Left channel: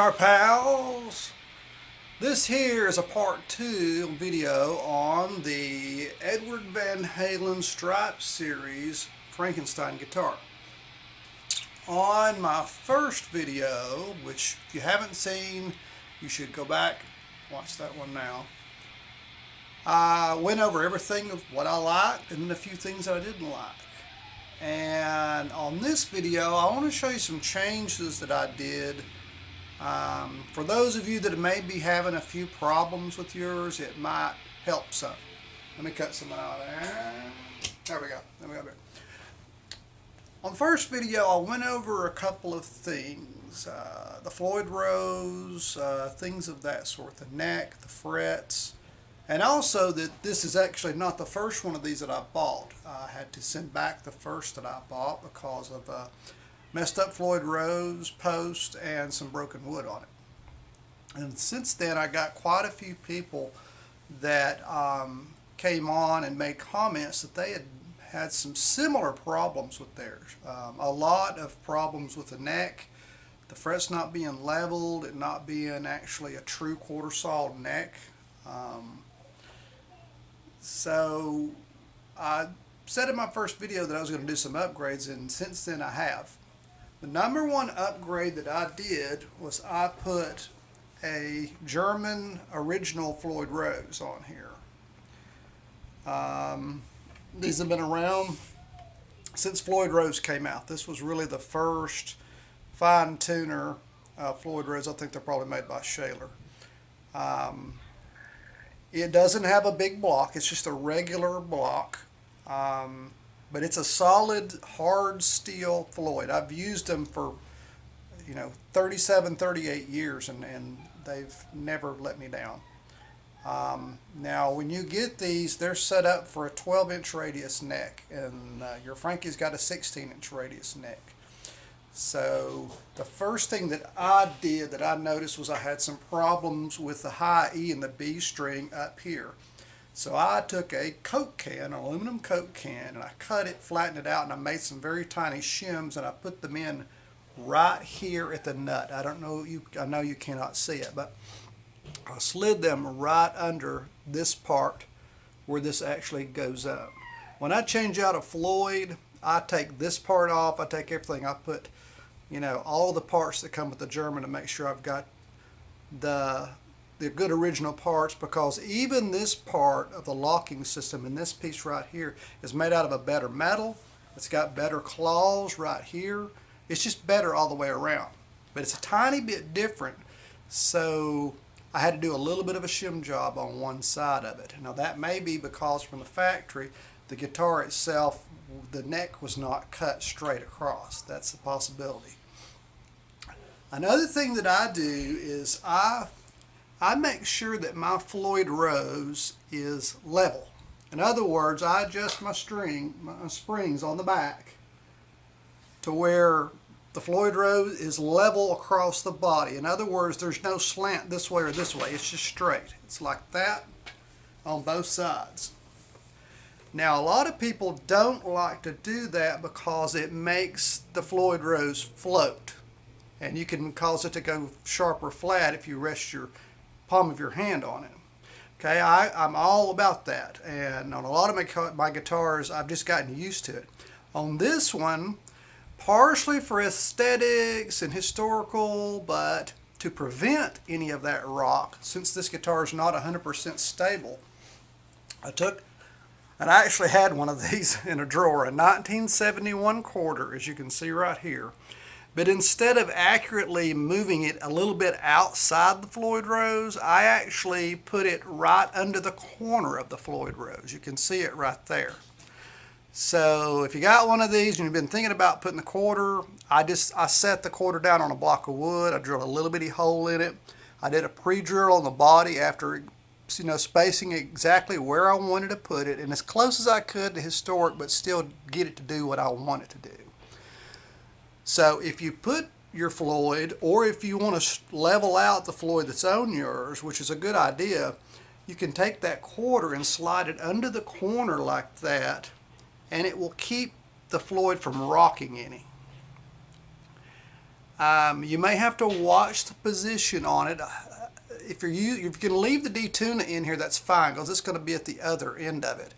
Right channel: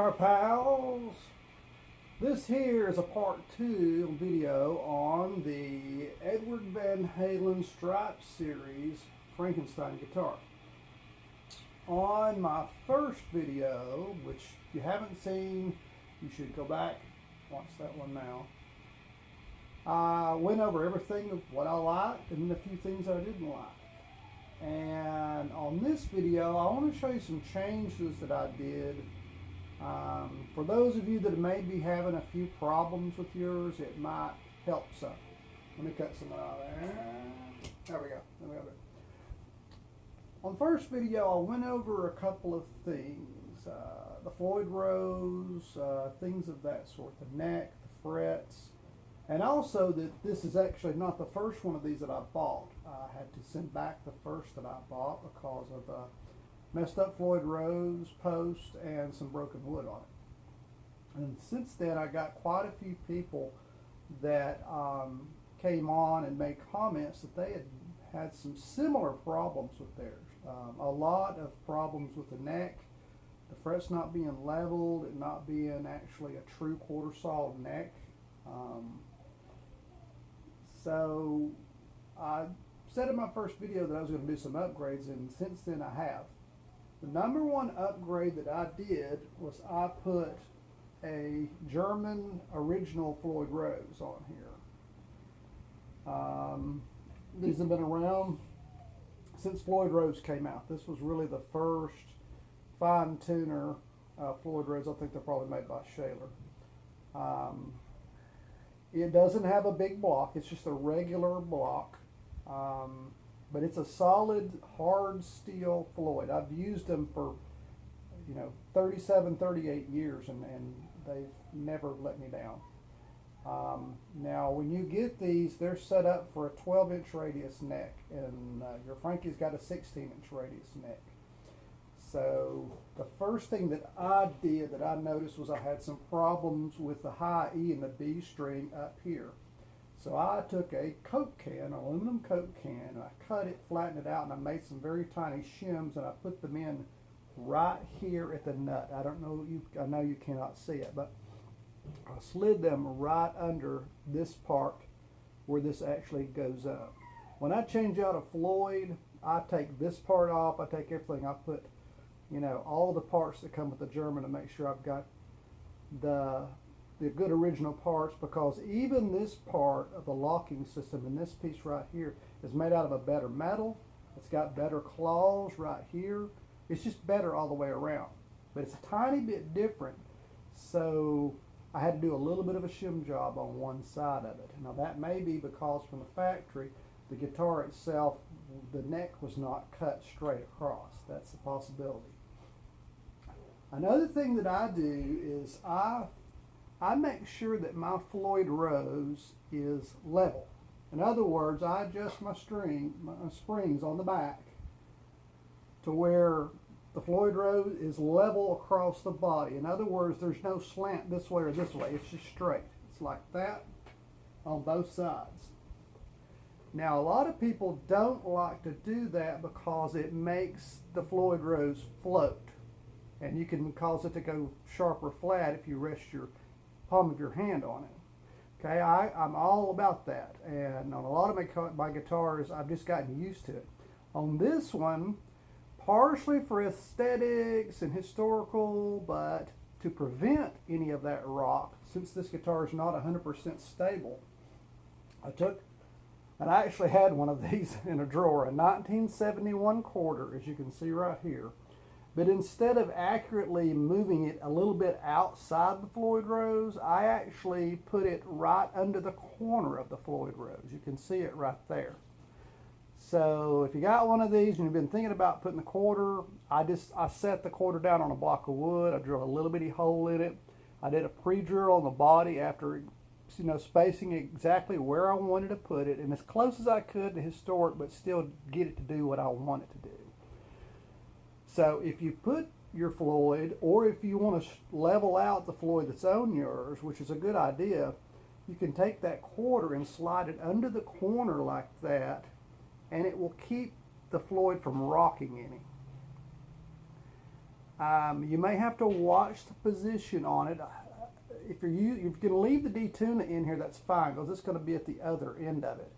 Guitar Pals. This here is a part 2 video on the Edward Van Halen Stripe Series Frankenstein guitar. On my first video, which if you haven't seen, you should go back, watch that one now. I went over everything of what I liked and a few things that I didn't like. And on this video, I want to show you some changes that I did. For those of you that may be having a few problems with yours, it might help some. Let me cut some out there. There we go. On the first video, I went over a couple of things. The Floyd Rose, things of that sort. The neck, the frets. And also that this is actually not the first one of these that I bought. I had to send back the first that I bought because of messed up Floyd Rose post and some broken wood on it. And since then I got quite a few people that came on and made comments that they had some similar problems with theirs. A lot of problems with the neck, the frets not being leveled, and not being actually a true quarter saw neck. So I said in my first video that I was going to do some upgrades, and since then I have. The number one upgrade that I did was I put a German original Floyd Rose on here. These have been around since Floyd Rose came out. This was really the first fine tuner Floyd Rose. I think they're probably made by Shaler. It doesn't have a big block. It's just a regular block. But it's a solid, hard steel Floyd. I've used them for, 37, 38 years, and they've never let me down. Now, when you get these, they're set up for a 12-inch radius neck, and your Frankie's got a 16-inch radius neck. So the first thing that I did that I noticed was I had some problems with the high E and the B string up here. So I took a Coke can, an aluminum Coke can, and I cut it, flattened it out, and I made some very tiny shims, and I put them in right here at the nut. I know you cannot see it, but I slid them right under this part where this actually goes up. When I change out a Floyd, I take this part off, I take everything, I put, all the parts that come with the German to make sure I've got the good original parts, because even this part of the locking system and this piece right here is made out of a better metal. It's got better claws right here. It's just better all the way around. But it's a tiny bit different, so I had to do a little bit of a shim job on one side of it. Now that may be because from the factory, the guitar itself, the neck was not cut straight across. That's a possibility. Another thing that I do is I make sure that my Floyd Rose is level. In other words, I adjust my springs on the back to where the Floyd Rose is level across the body. In other words, there's no slant this way or this way. It's just straight. It's like that on both sides. Now, a lot of people don't like to do that because it makes the Floyd Rose float. And you can cause it to go sharp or flat if you rest your palm of your hand on it. Okay, I'm all about that, and on a lot of my guitars I've just gotten used to it. On this one, partially for aesthetics and historical, but to prevent any of that rock, since this guitar is not 100% stable, I actually had one of these in a drawer, a 1971 quarter, as you can see right here. But instead of accurately moving it a little bit outside the Floyd Rose, I actually put it right under the corner of the Floyd Rose. You can see it right there. So if you got one of these and you've been thinking about putting the quarter, I set the quarter down on a block of wood. I drilled a little bitty hole in it. I did a pre-drill on the body after spacing exactly where I wanted to put it, and as close as I could to historic, but still get it to do what I want it to do. So if you put your Floyd, or if you want to level out the Floyd that's on yours, which is a good idea, you can take that quarter and slide it under the corner like that, and it will keep the Floyd from rocking any. You may have to watch the position on it. If you're going to leave the detuner in here, that's fine because it's going to be at the other end of it.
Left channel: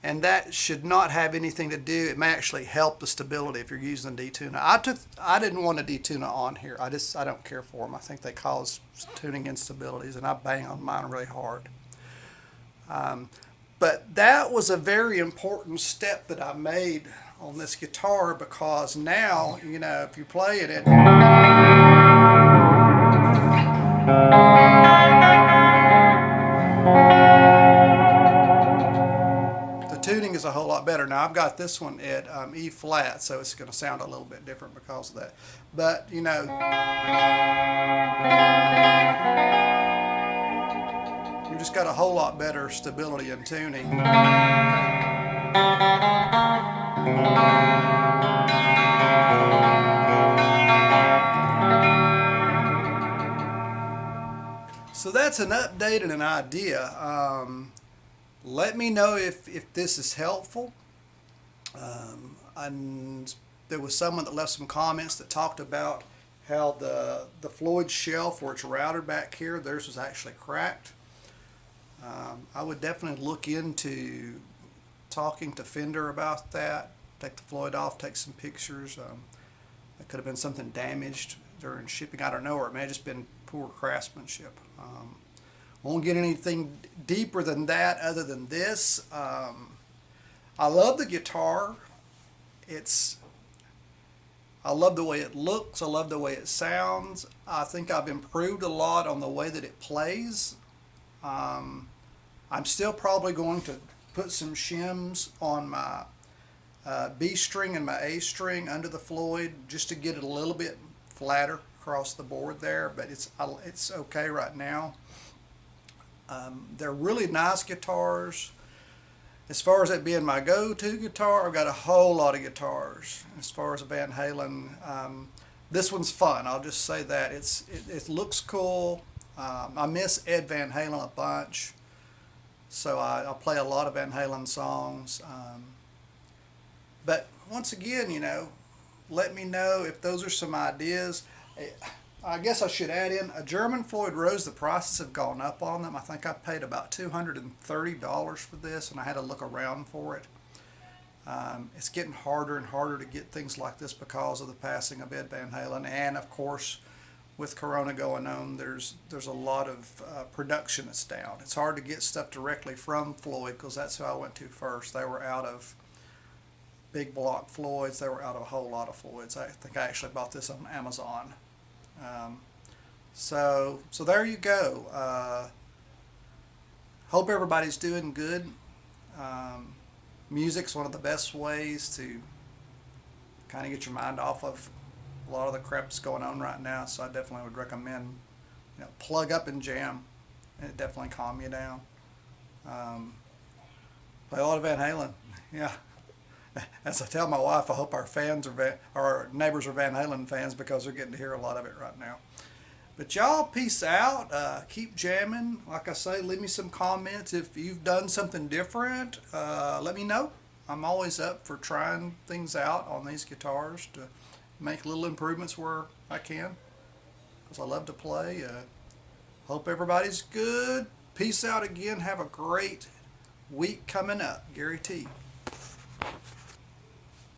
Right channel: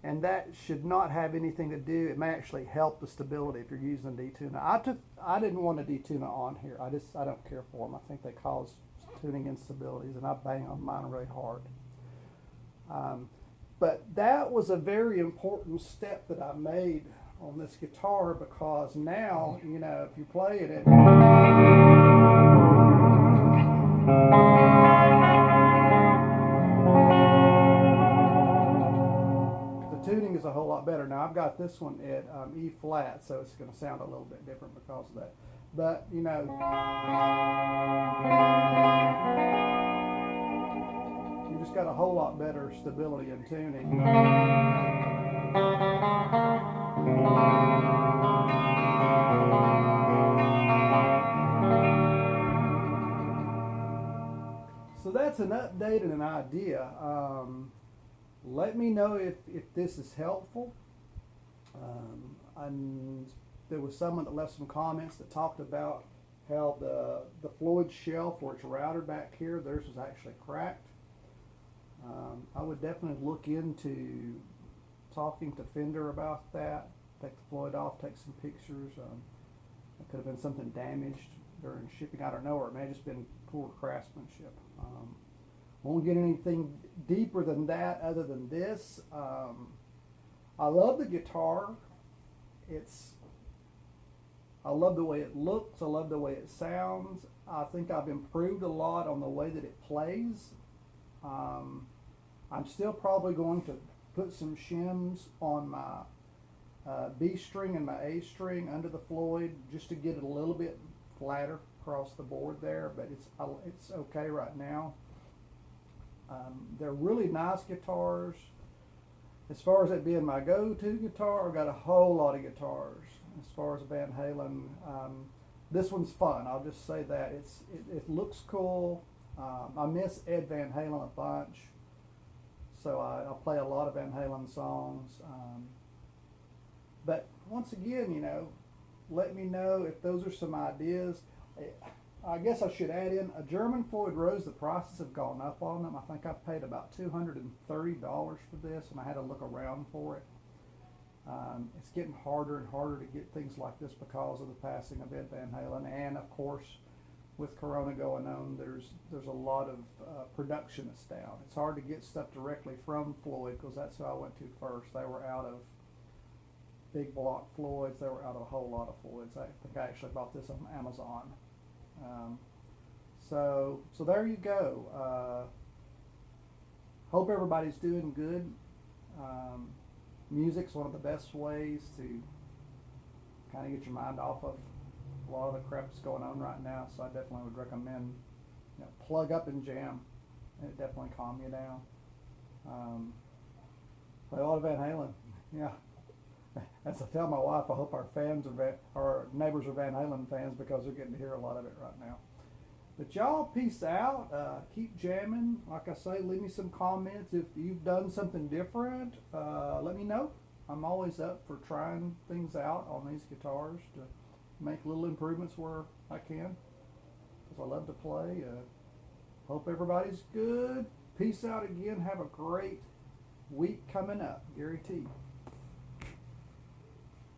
And that should not have anything to do. It may actually help the stability if you're using a detuner. I didn't want a detuner on here. I don't care for them. I think they cause tuning instabilities, and I bang on mine really hard. But that was a very important step that I made on this guitar, because now, if you play it, the tuning is a whole lot better. Now I've got this one at E flat, so it's going to sound a little bit different because of that. But you just got a whole lot better stability and tuning. So that's an update and an idea. Let me know if this is helpful. And there was someone that left some comments that talked about how the Floyd shelf where it's routed back here, theirs was actually cracked. I would definitely look into talking to Fender about that. Take the Floyd off, take some pictures. It could have been something damaged during shipping. I don't know, or it may have just been poor craftsmanship. Won't get anything deeper than that other than this. I love the guitar. I love the way it looks. I love the way it sounds. I think I've improved a lot on the way that it plays. I'm still probably going to put some shims on my B string and my A string under the Floyd just to get it a little bit flatter across the board there, but it's okay right now. They're really nice guitars. As far as it being my go-to guitar, I've got a whole lot of guitars. As far as Van Halen, this one's fun. I'll just say that it looks cool. I miss Ed Van Halen a bunch, so I'll play a lot of Van Halen songs. But once again, let me know if those are some ideas. I guess I should add in a German Floyd Rose. The prices have gone up on them. I think I paid about $230 for this, and I had to look around for it. It's getting harder and harder to get things like this because of the passing of Ed Van Halen, and of course, with Corona going on, there's a lot of production that's down. It's hard to get stuff directly from Floyd because that's who I went to first. They were out of big block Floyds. They were out of a whole lot of Floyds. I think I actually bought this on Amazon. So there you go. Hope everybody's doing good. Music's one of the best ways to kind of get your mind off of a lot of the crap that's going on right now. So I definitely would recommend, plug up and jam. It definitely calm you down. Play a lot of Van Halen. Yeah. As I tell my wife, I hope our neighbors are Van Halen fans because they're getting to hear a lot of it right now. But y'all, peace out. Keep jamming. Like I say, leave me some comments if you've done something different. Let me know. I'm always up for trying things out on these guitars to make little improvements where I can, because I love to play. Hope everybody's good. Peace out again. Have a great week coming up. Gary T.